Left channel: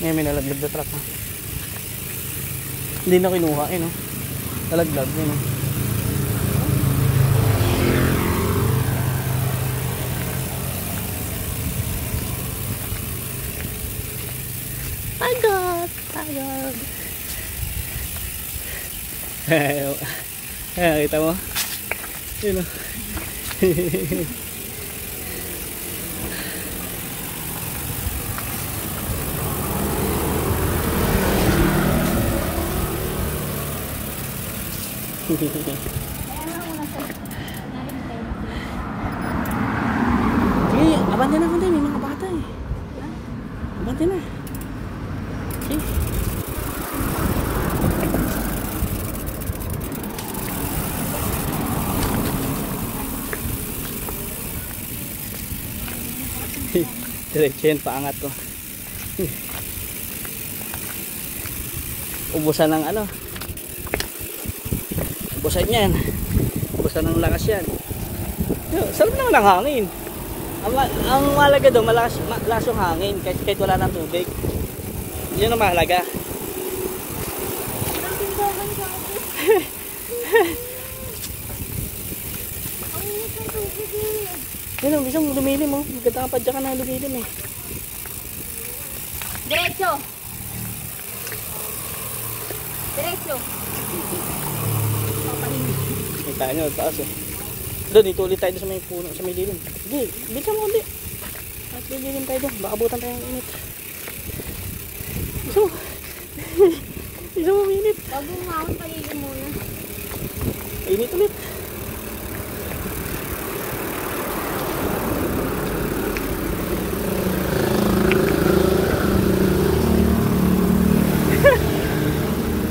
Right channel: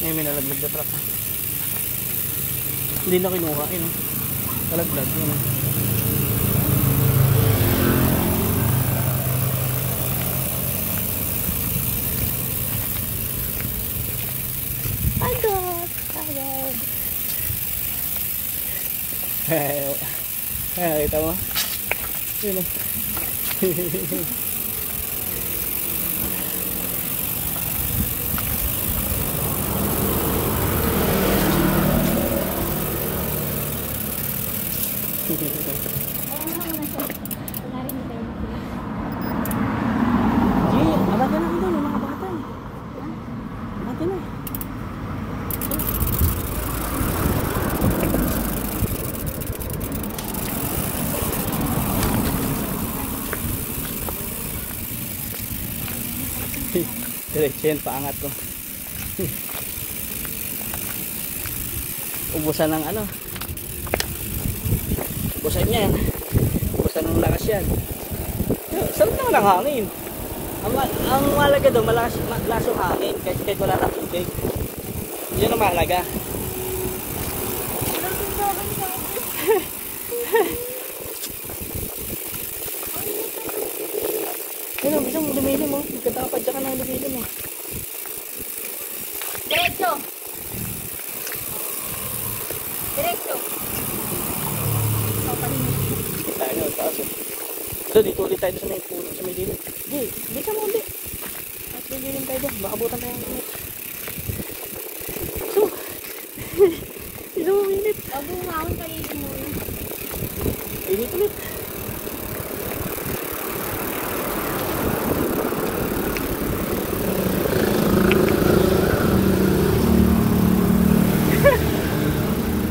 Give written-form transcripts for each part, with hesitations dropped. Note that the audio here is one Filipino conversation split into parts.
May nalaglag na truck. Hindi na kinuha eh, no? Nalaglag yun. Agad. Kita mo? Yun o. Abante na ako dun, yung mga bata eh. Abante na. Diretso yan, paangat ko. Ubusan ng ano. Ubusan yan. Ubusan ng lakas yan. Sarap naman ang hangin. Ang mahalaga doon, malakas yung hangin kahit wala na tubig. Yun ang mahalaga. Yan ang gusto mo, lumilim mo. Ikata ka pa dyan ka na lumilim eh. Diretso. Diretso. Kita nyo, taas eh. Doon, dito ulit tayo sa may puno, sa may dilim. Hindi ka mo ulit. At may dilim tayo doon. Maabutan tayo ng init. Iso mo minit. Pag umahon, paligid muna. Init ulit.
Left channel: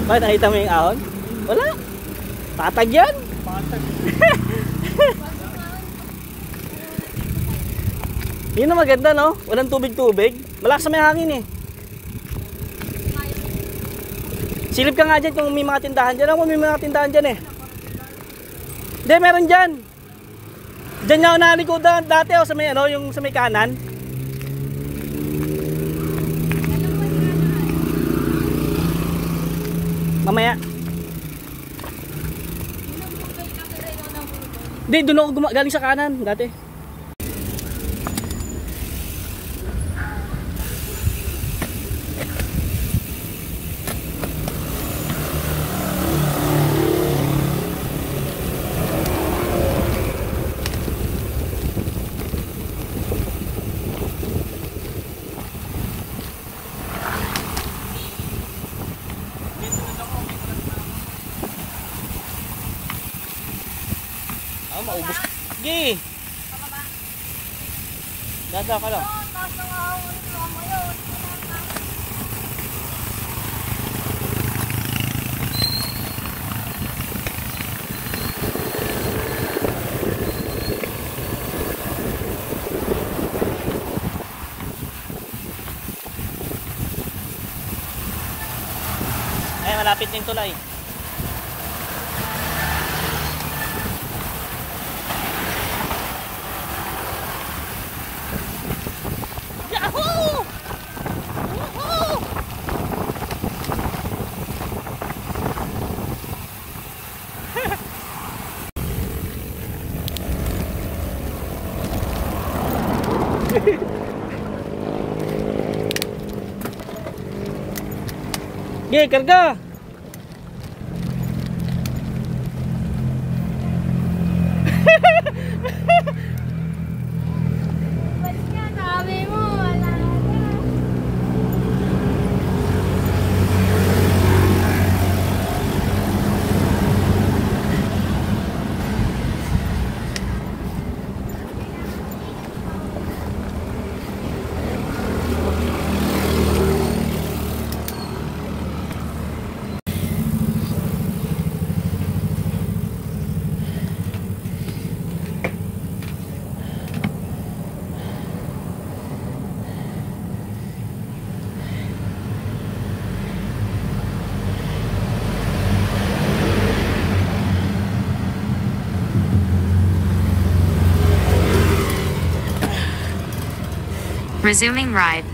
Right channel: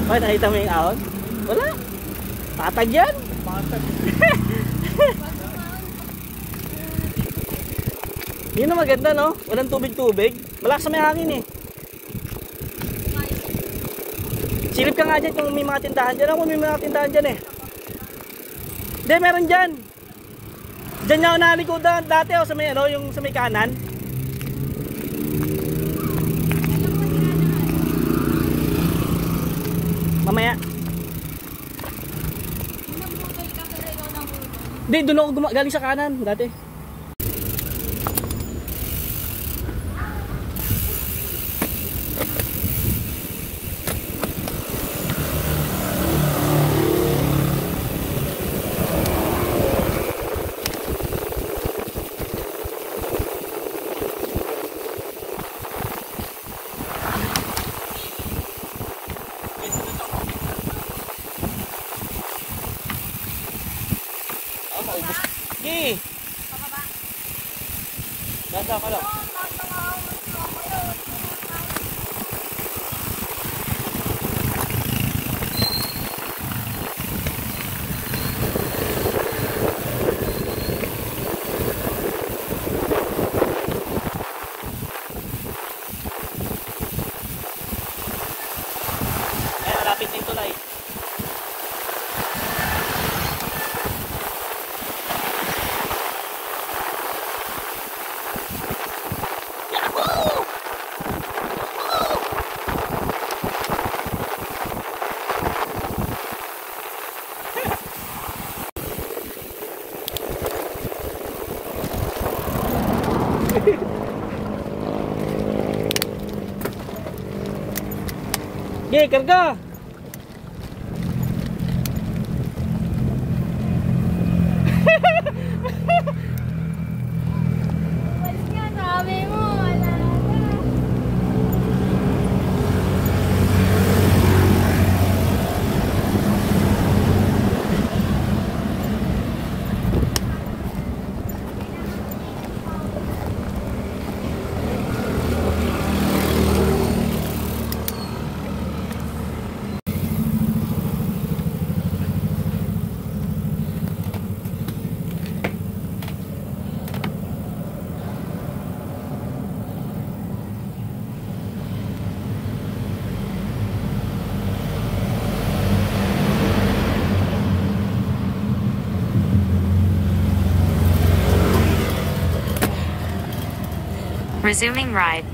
Bakit nakita mo yung ahon? Wala. Patag yan. Patag. Yun na maganda, no? Walang tubig-tubig. Malakas na may hangin eh. Silip ka nga dyan kung may mga tindahan dyan. Ako may mga tindahan dyan eh. Hindi, meron dyan. Dyan niya ako nakalikodan dati sa may, ano, yung sa may kanan. Mamaya. Hindi, doon ako galing sa kanan dati. Maubos. Sige. Dada ka lang. Ay, malapit din tulay. Gih, karga. Resuming ride.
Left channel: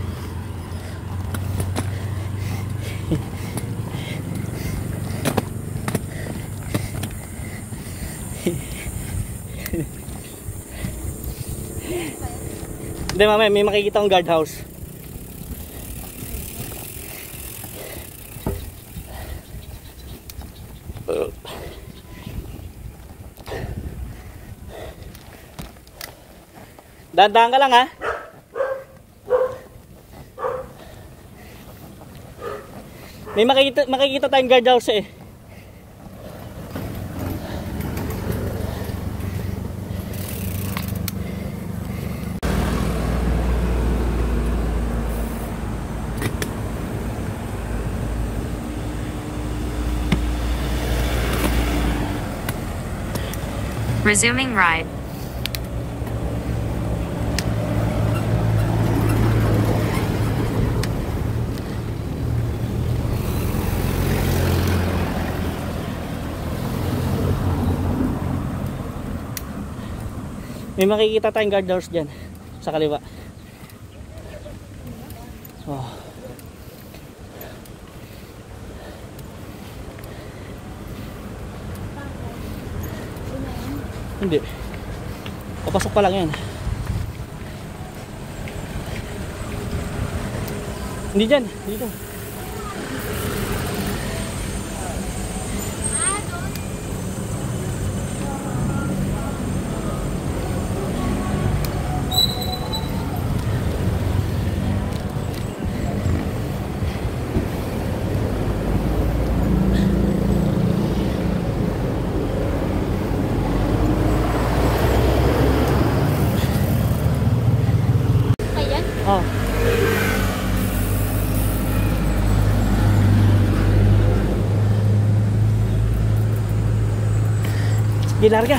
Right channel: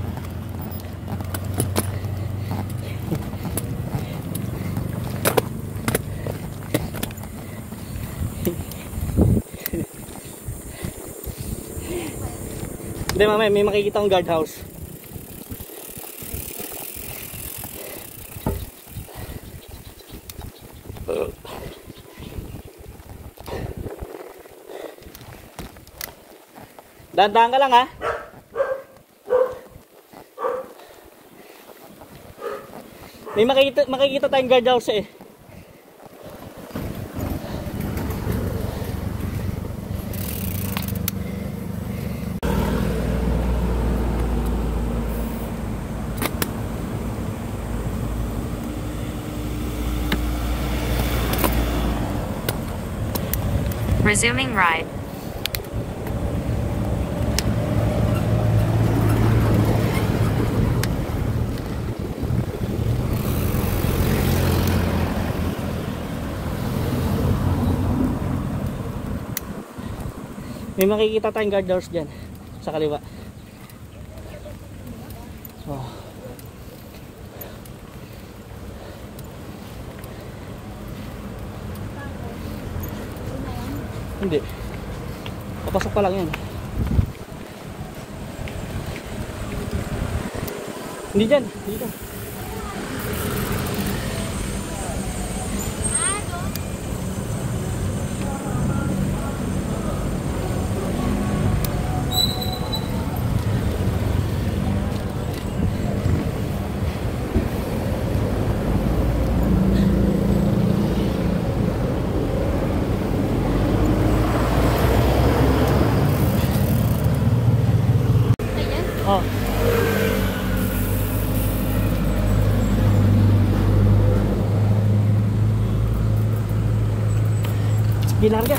Hindi, mamaya may makikita akong guardhouse. Dahan-dahan ka lang ha. May makikita tayong guardhouse eh. Resuming ride. May makikita tayong guardhouse dyan sa kaliwa. Oh. Hindi. Papasok pa lang yan. Hindi dyan. Dito. Oh. Di larga.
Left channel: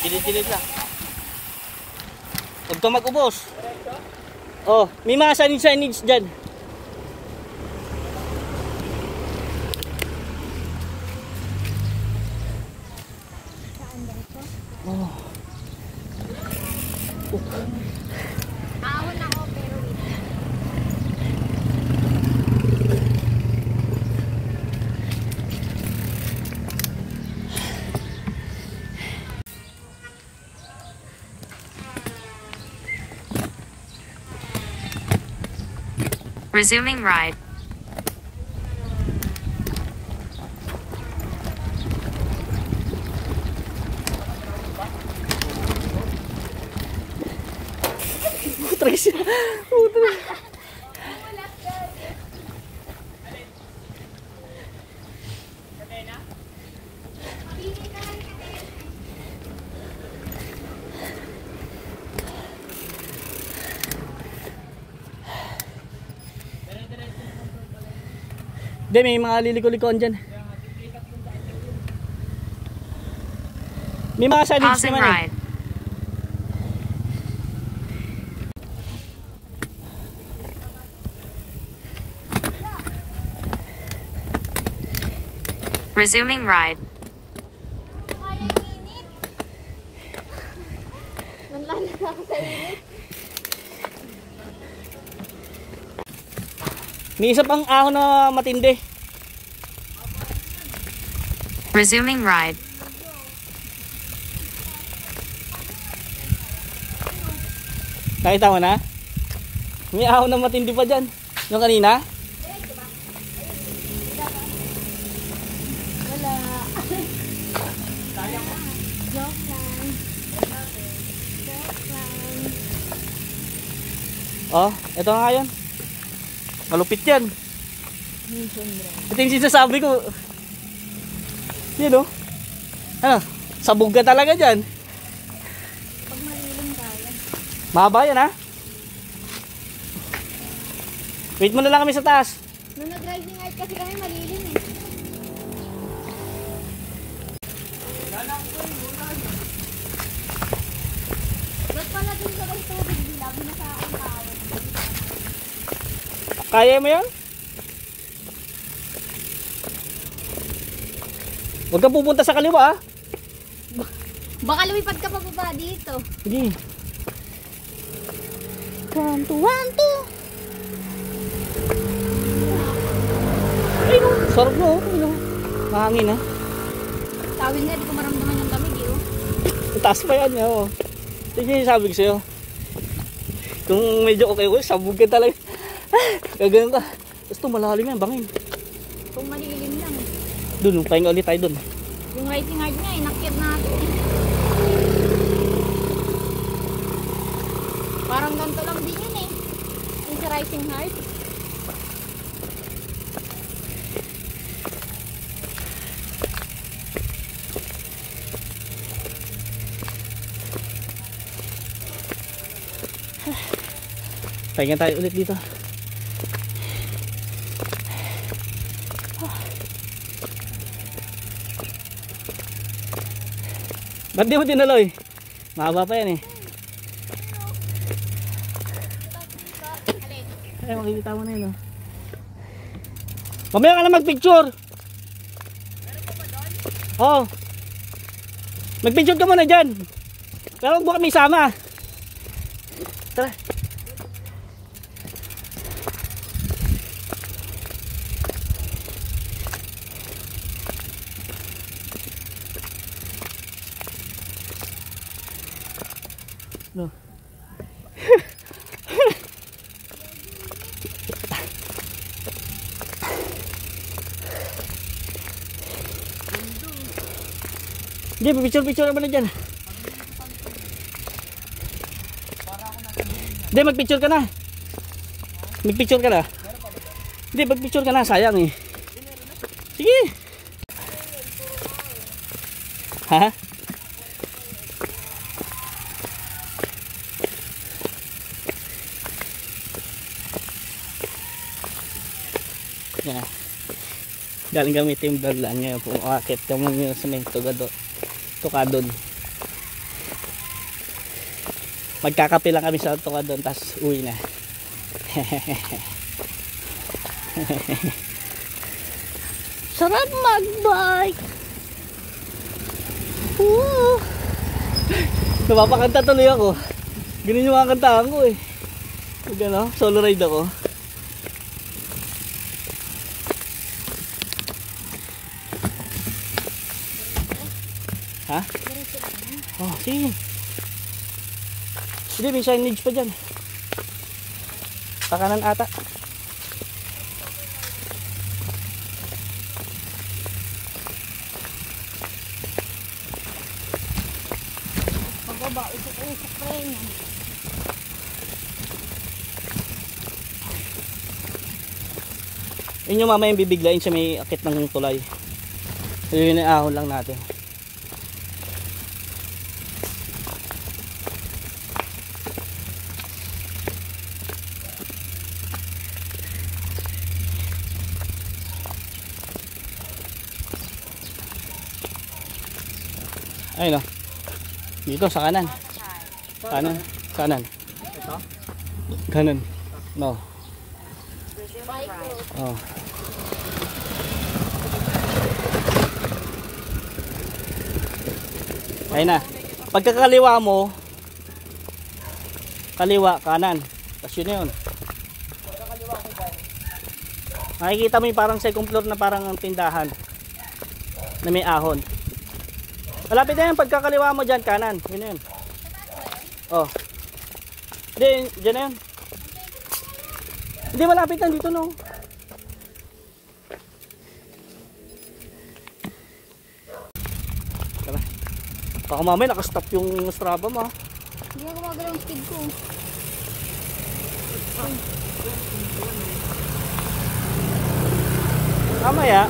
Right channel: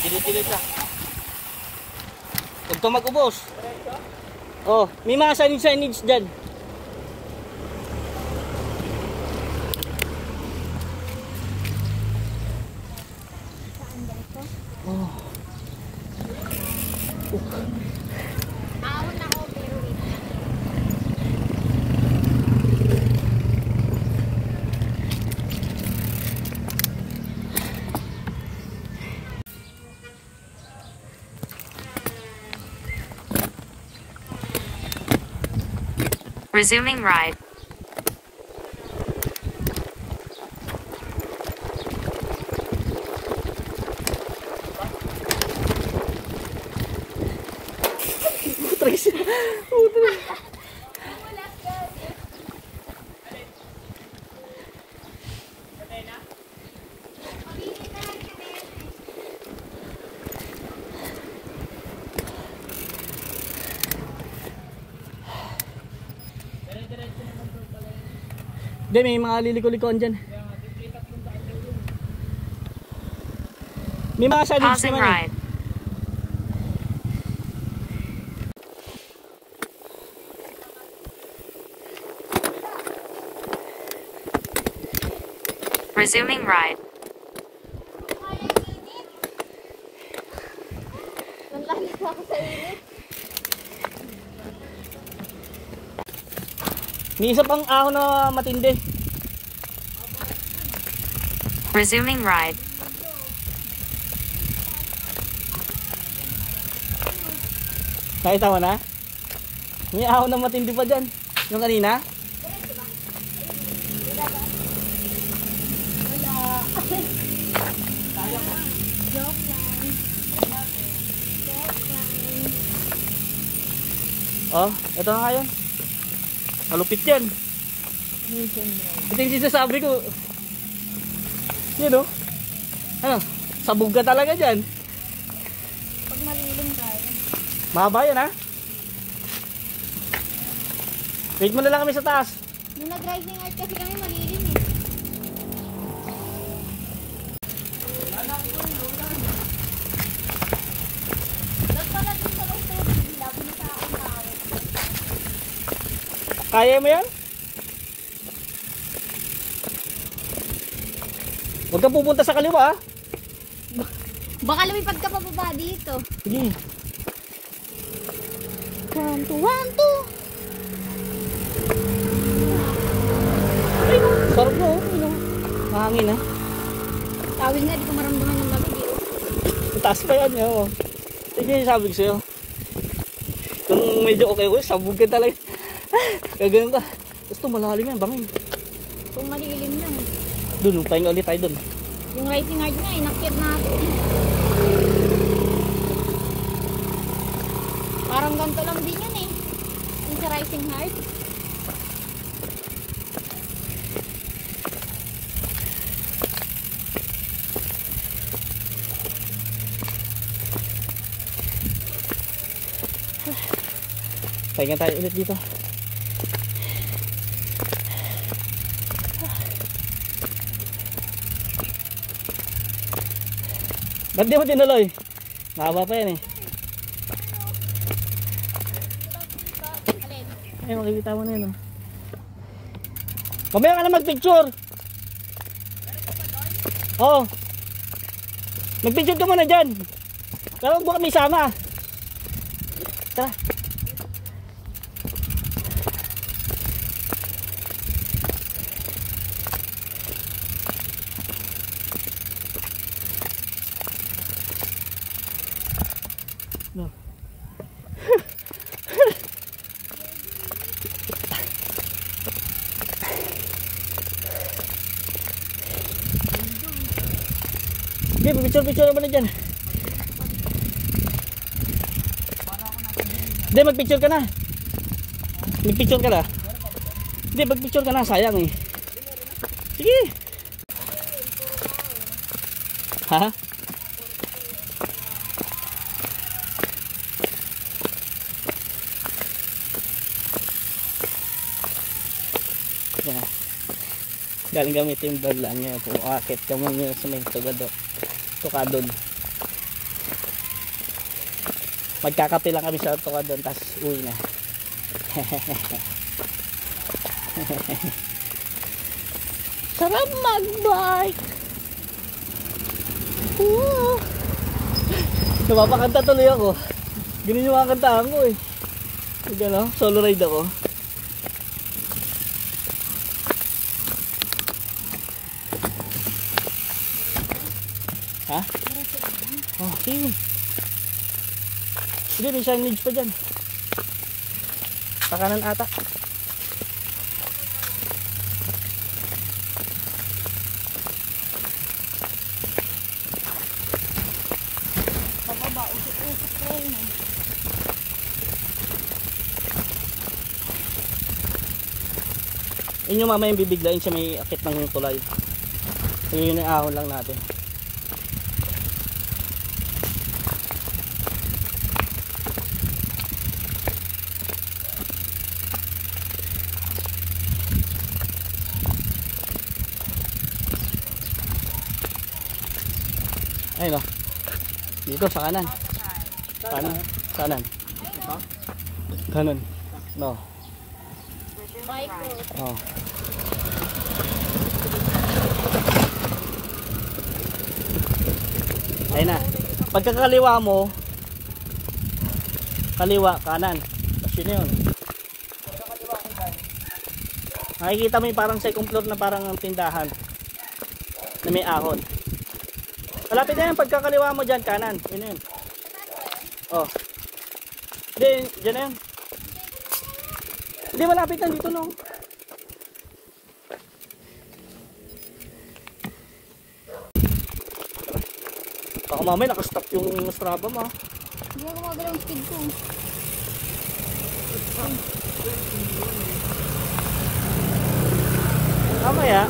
Gilid-gilid lang. Huwag kang mag-ubos. Oh, may mga signage dyan. Oh. Ahon ako pero ito. Resuming ride. Tracy. Hindi, may mga liliko-likoan dyan. May mga signage Pausing naman eh. ride. Resuming ride. Nantalas ako sa init. May isa pang ahon na matindi. Resuming ride. Nakita mo na? May ahon na matindi pa dyan. Yung kanina? Wala. Joke lang. Joke lang. Oh, ito na nga yun. Malupit yan. Mission drive. Ito yung sinasabi ko. Yan o. Ano? Sabog ka talaga dyan. Pag malilim tayo. Mahaba yan ha. Wait mo na lang kami sa taas. Nung nag-rising art kasi kami malilim eh. Ba't pala dun sa may tubig nila, binasaan tao. Kaya mo yan? Huwag kang pupunta sa kaliwa ha. Baka lumipad ka pa baba dito. Sige. 1, 2, 1, 2. Sarap mo. Ano? Mahangin ha. Tawil nga, di ko maramdaman yung lamig eh. Oh. Taas pa yan oh. Ito yung sabi ko sa'yo. Kung medyo okay ko, sabog ka talaga. Kagano'n ka. Gusto malalim yan, bangin. Kung malilim lang. Doon, pahinga ulit tayo doon. Yung rising art nga, inakyat natin eh. Parang ganito lang din yan eh. Yung sa rising heart. Pahinga tayo ulit dito. Ba't di mo tinuloy? Mahaba pa yan eh. Ay, makikita mo na yun oh. Mamaya ka na magpicture. Meron pa ba doon? Oo. Magpicture ka muna dyan. Pero huwag mo kami sama. Tara. No. Hindi, picture naman na dyan. Hindi, magpicture ka na. Magpicture ka na. Hindi, magpicture ka na, sayang eh. Sige. Ha? Yeah. Galing gamitin yung vlog lang ngayon kung akit kami ngayon sa may tukadon. Magkakape lang kami sa tukadon tapos uwi na. Sarap mag-bike. Napapakanta tuloy ako. Ganun yung mga kantahan ko eh. Gano'n, solo ride ako. Ha? Oh, sige. Hindi, may signage pa dyan. Pakanan ata. Pababa, usok-usok pa rin yan. Yun yung mamaya yung bibiglayin sa may akit ng tulay. Yun yung ahon lang natin. Ayun o. Dito sa kanan. Kanan. Kanan. No. Oh. Ayun na. Pagkakaliwa mo, kaliwa, kanan. Tapos yun yun. Makikita mo yung parang second floor na parang tindahan na may ahon. Malapit na yan, pagkakaliwa mo dyan, kanan. Yun na yun. Oh. Hindi, dyan na yun. Hindi, malapit na dito no. Baka mamaya nakastop yung Strava mo. Hindi na gumagalaw yung speed ko. Mamaya,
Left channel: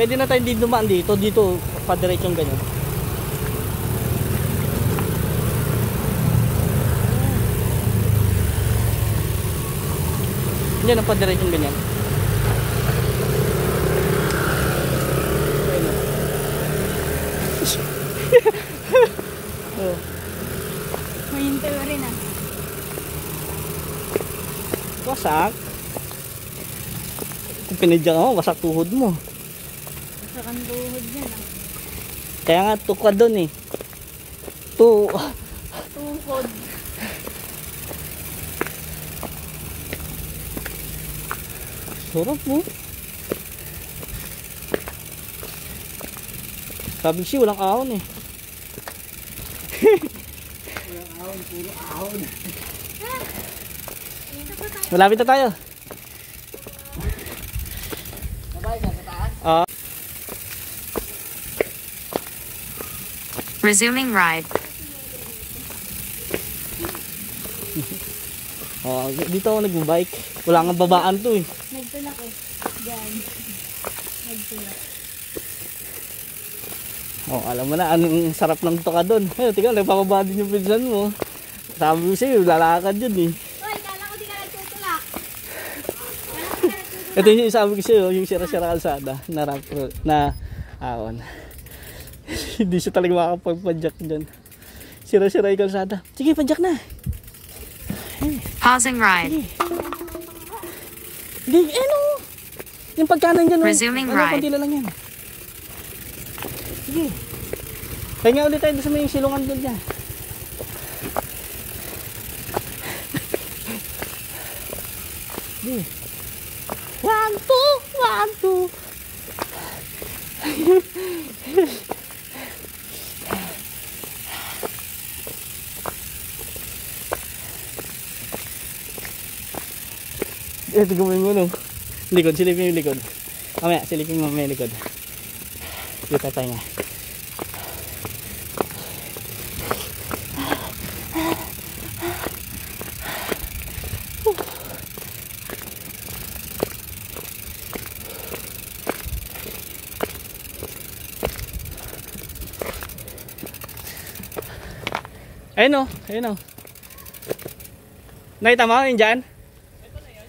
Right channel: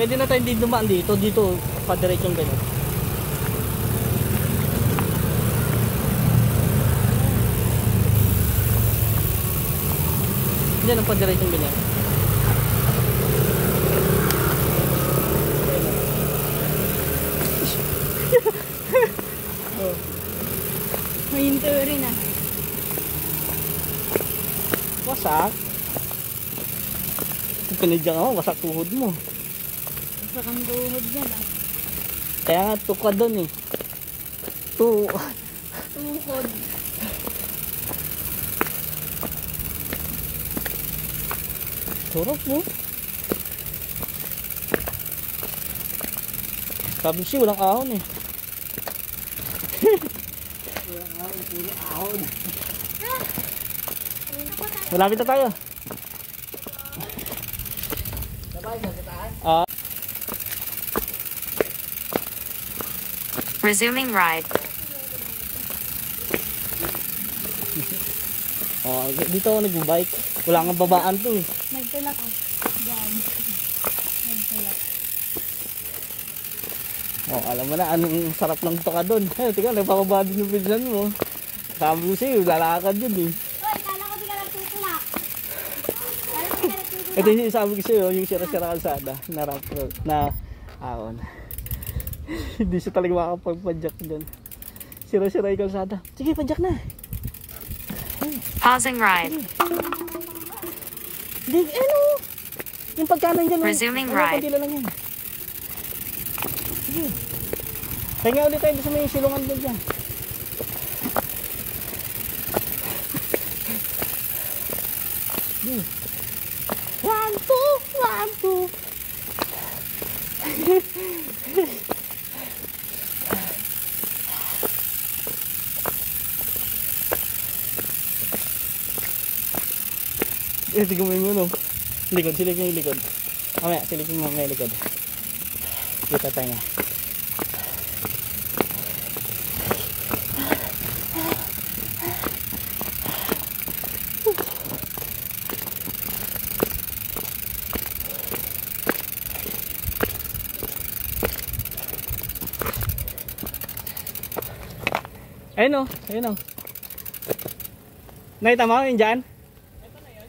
pwede na tayo din dumaan dito. Dito, padiretsong ganyan. Hindi na padiretsong ganyan. Mahinto rin ah. Wasak. Pinadyan ako, wasak tuhod mo. Sa kanduhod yan ah. Kaya nga, tuka doon eh. Tuhod. Sarap mo. Sabi siya, walang ahon eh. Walang ahon, puro ahon. Malapit na tayo. Sabay na sa taas? Resuming ride. Dito ako nag-bike. Wala nga babaan to eh. Nagtulak oh. Diyan. Nagtulak. Alam mo na, anong sarap ng tuka doon. Tingnan, nagpapababa din yung pinsan mo. Sabi ko sa'yo, lalakad yun eh. Uy, kala ko di ka nagtutulak. Kala ko di ka nagtutulak. Ito yung sabi ko sa'yo, yung sira-sira kalsada na ahon. Hindi siya talaga makakapagpadyak dyan. Sira-sira yung kalsada. Sige, padyak na. Pausing ride. Hindi, ano? Yung pagkanan dyan. Resuming ride. Pagkila lang yan. Sige. Kaya ulit tayo sa may silungan dyan. Sige. 1, 2, 1, 2. Tignan mo yung ulo. Likod, silipin yung likod. Mamaya, silipin mo yung likod. Dito tayo nga. Ayun o, ayun o. Nakita mo yun dyan? Ito na yan?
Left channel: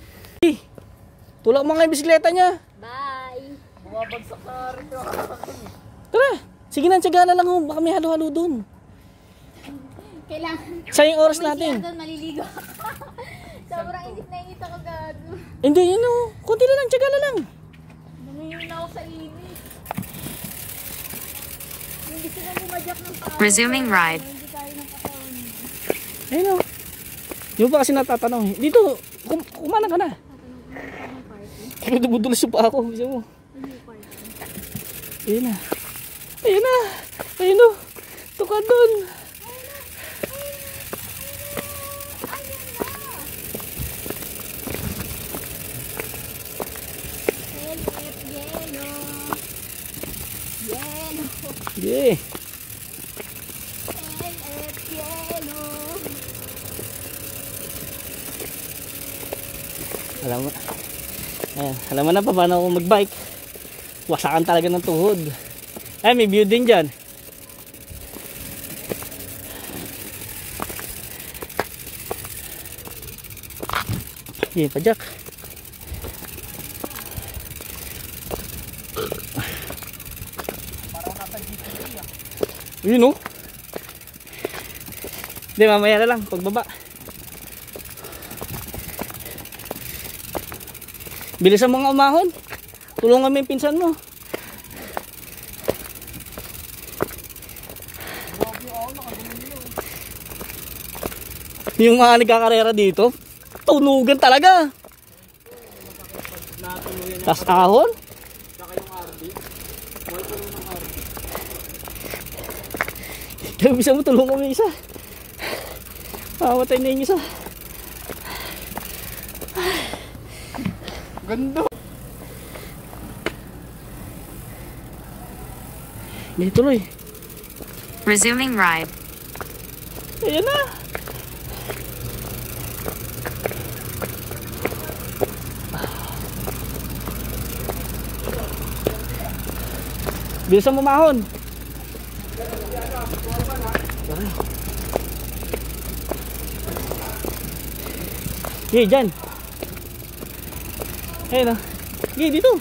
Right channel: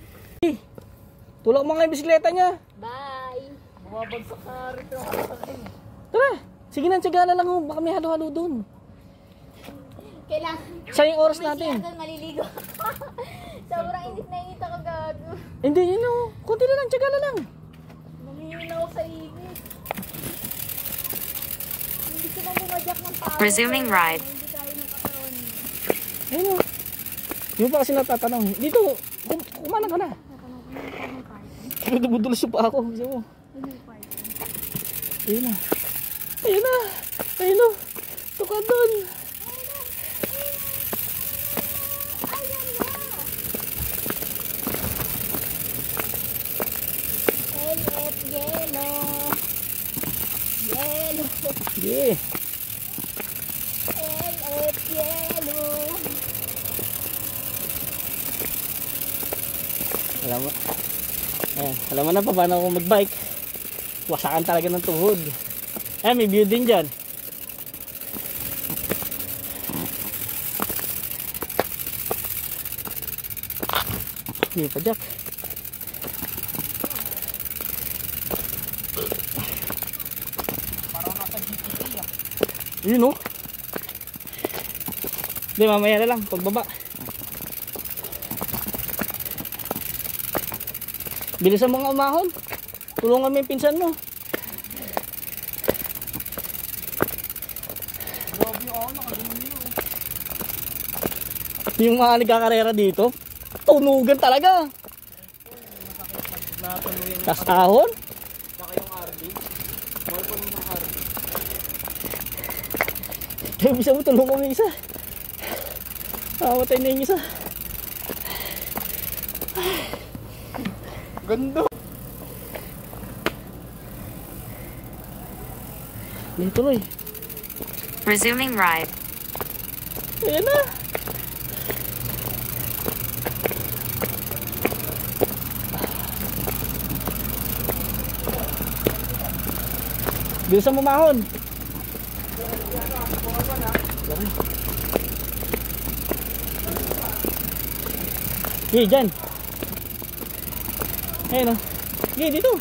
Tulak mo nga yung bisikleta niya. Bye. Bumabagsak ka rin. Tara, sige na, tsaga na lang ho. Baka may halo-halo dun. Kailangan. Sayang oras natin. Doon maliligo. Sobrang init na init ako gago. Hindi, yun o. Kunti na lang, tsaga na lang. Nangyayun ako sa init. Hindi ko na bumadyak ng paa. Resuming ride. Hindi tayo ng katawan. Ayun o. Yung pa kasi natatanong. Dito, kumana ka na. Kaya dumudulas yung paa ko. Bisa mo. Ayun na. Ayun na. Ayun o. Tuka dun. Yeah. Alam mo na pa paano ako magbike. Wasakan talaga ng tuhod. Ay, may view din dyan. Sige pa, Jack. Parang nasa GTV ah. Yun o. Hindi, mamaya na lang pagbaba. Bilisan mga umahon. Tulungan mo yung pinsan mo. Yung mga nagkakarera dito, tunugan talaga. Tas ahon. Saka yung RD. Mahal pa nun ng RD. Kaya bisa mo tulungan mo yung isa. Mamatay na yung isa. Ganda. Hindi tuloy. Resuming ride. Ayan na. Bilisan mo mahon. Sige, dyan. Ayun o. Sige, dito.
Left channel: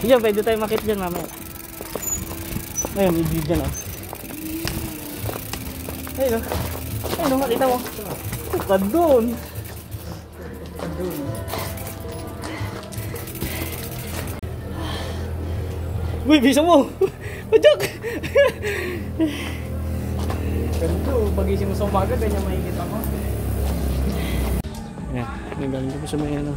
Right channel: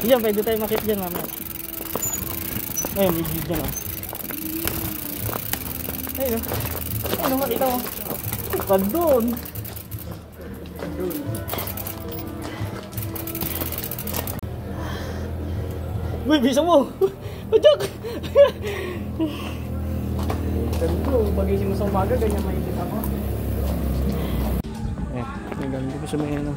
Diyan, pwede tayo makit dyan mamaya. Ayun, hindi dyan o. Ayun o. Ayun o, makita mo. Doon. Uy, bisa mo. Pajak. Ganito, pagising mo sa umaga, ganyan makikita mo. Ayan, may ganito ko sa may ano.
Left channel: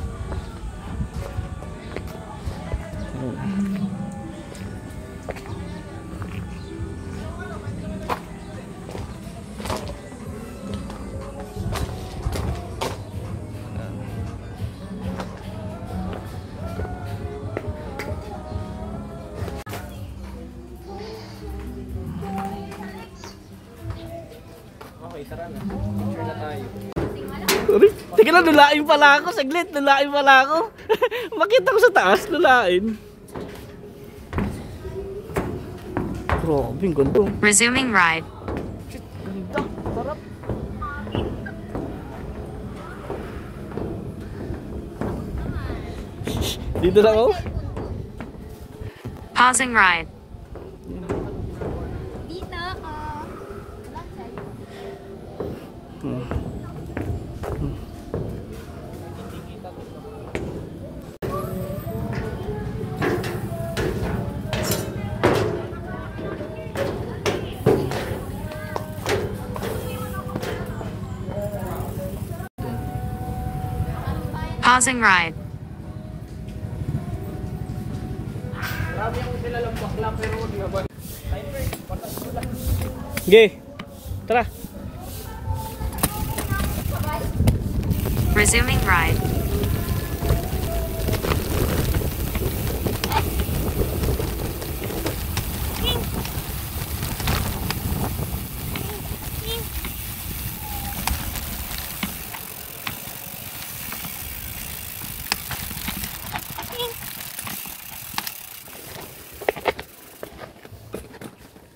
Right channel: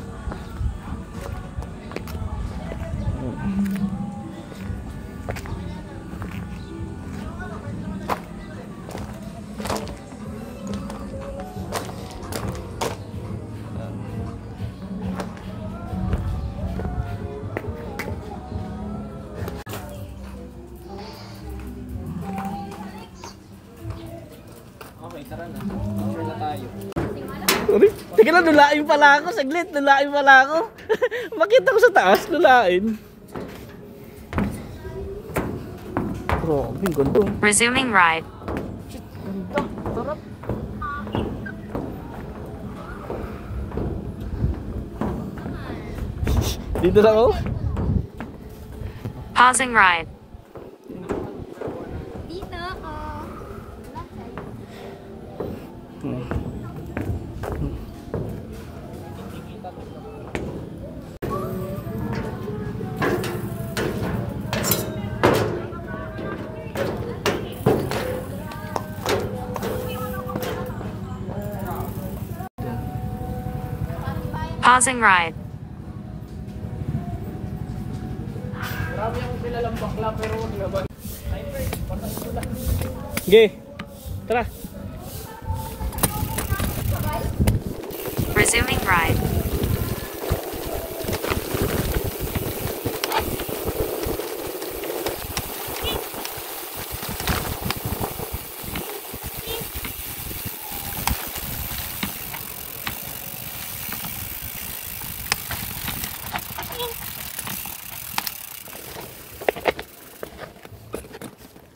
Okay, tara na. Picture na tayo. Uy, teka lang, lulain pala ako. Saglit, lulain pala ako. Makita ko sa taas, lulain. Grabe, ang ganda. Resuming ride. Ganda, sarap. Dito lang ako. Pausing ride. Dito ako. Pausing ride. Grabe yung kilalang bakla, pero wag naman. Patas mo lang. Sige, tara. Resuming ride.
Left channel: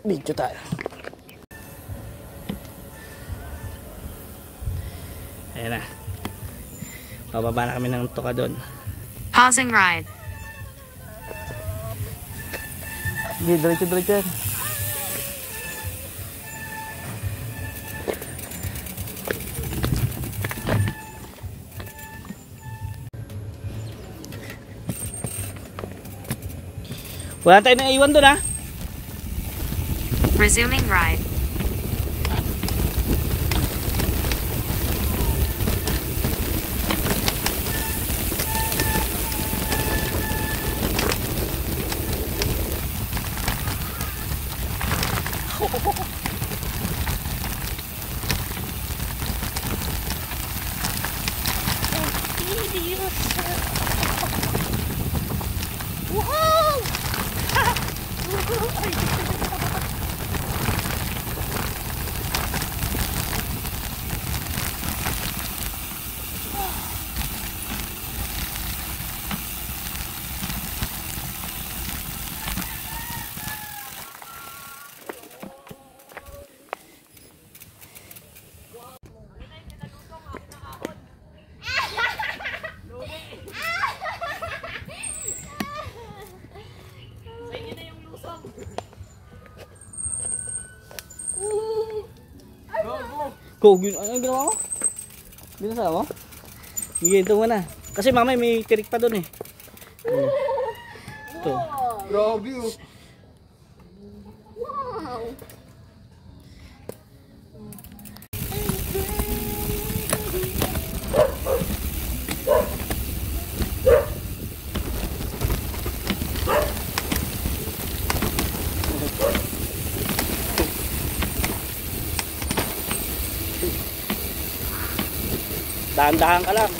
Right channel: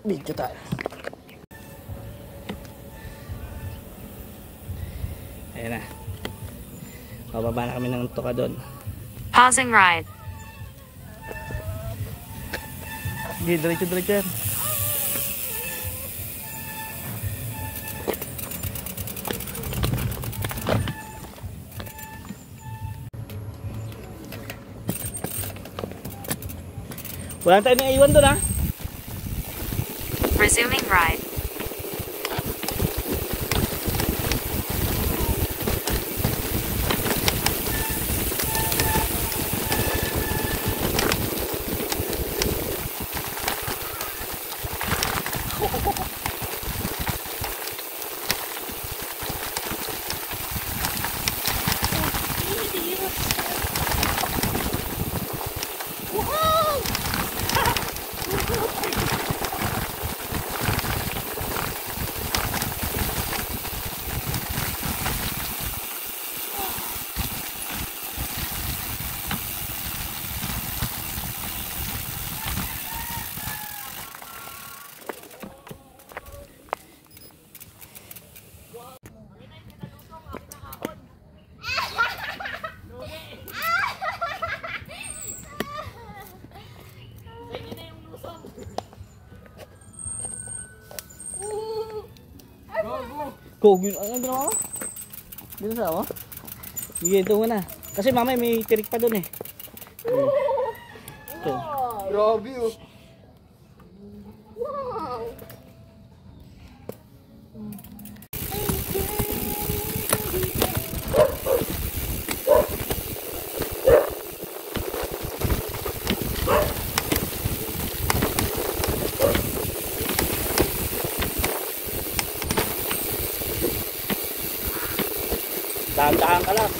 Video tayo. Ayan na. Bababa na kami ng tuka doon. Pausing ride. Hindi, diretso yan. Wala tayo nang iwan doon ha. Resuming ride. Kogin, ano ginawa mo? Dito sa mo? Sige, ito muna. Kasi mamay may tirik pa doon eh. Ito. Grabe oh. Wow. Dahan-dahan ka lang.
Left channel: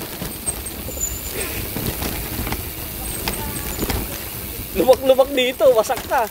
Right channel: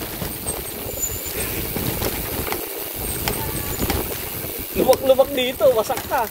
Lubak-lubak dito, wasak ka.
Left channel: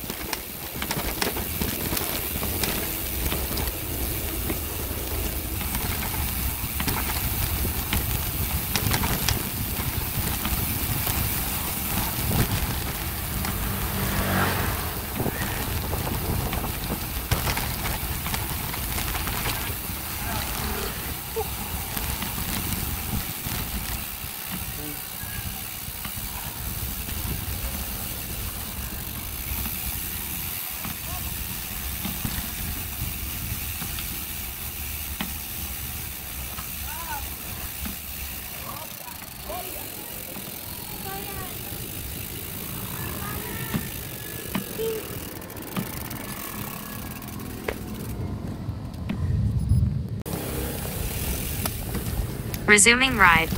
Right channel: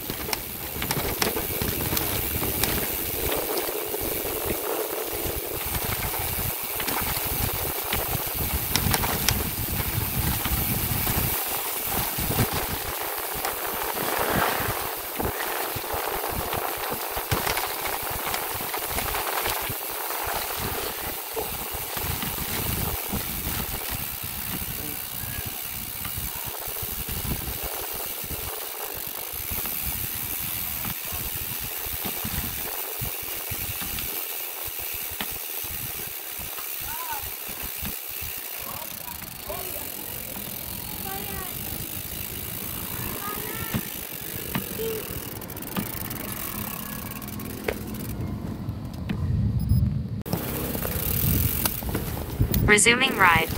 Resuming ride.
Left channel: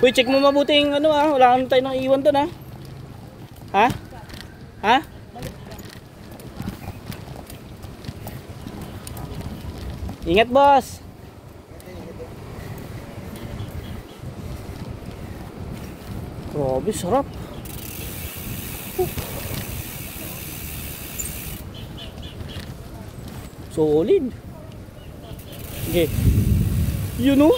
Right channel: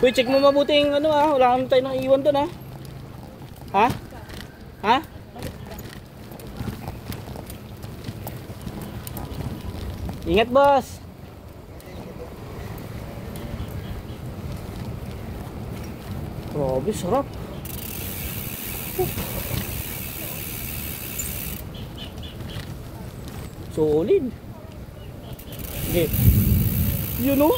Uy, check mo mabuti yung ano wala kang tayo nang iwan doon ha? Ha? Ingat boss. Grabe, sarap. Solid. Okay. You know?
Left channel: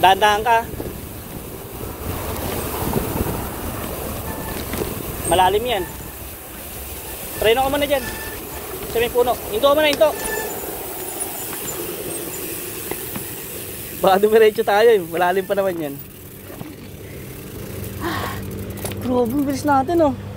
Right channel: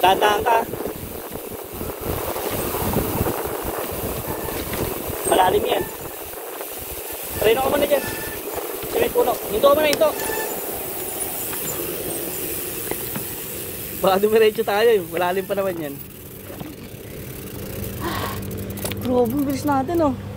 Dadaan ka. Malalim yan. Preno ka muna dyan. Sa may puno. Hinto ka muna, hinto. Baka dumiretso tayo eh. Malalim pa naman yan. Grabe, bilis natin oh.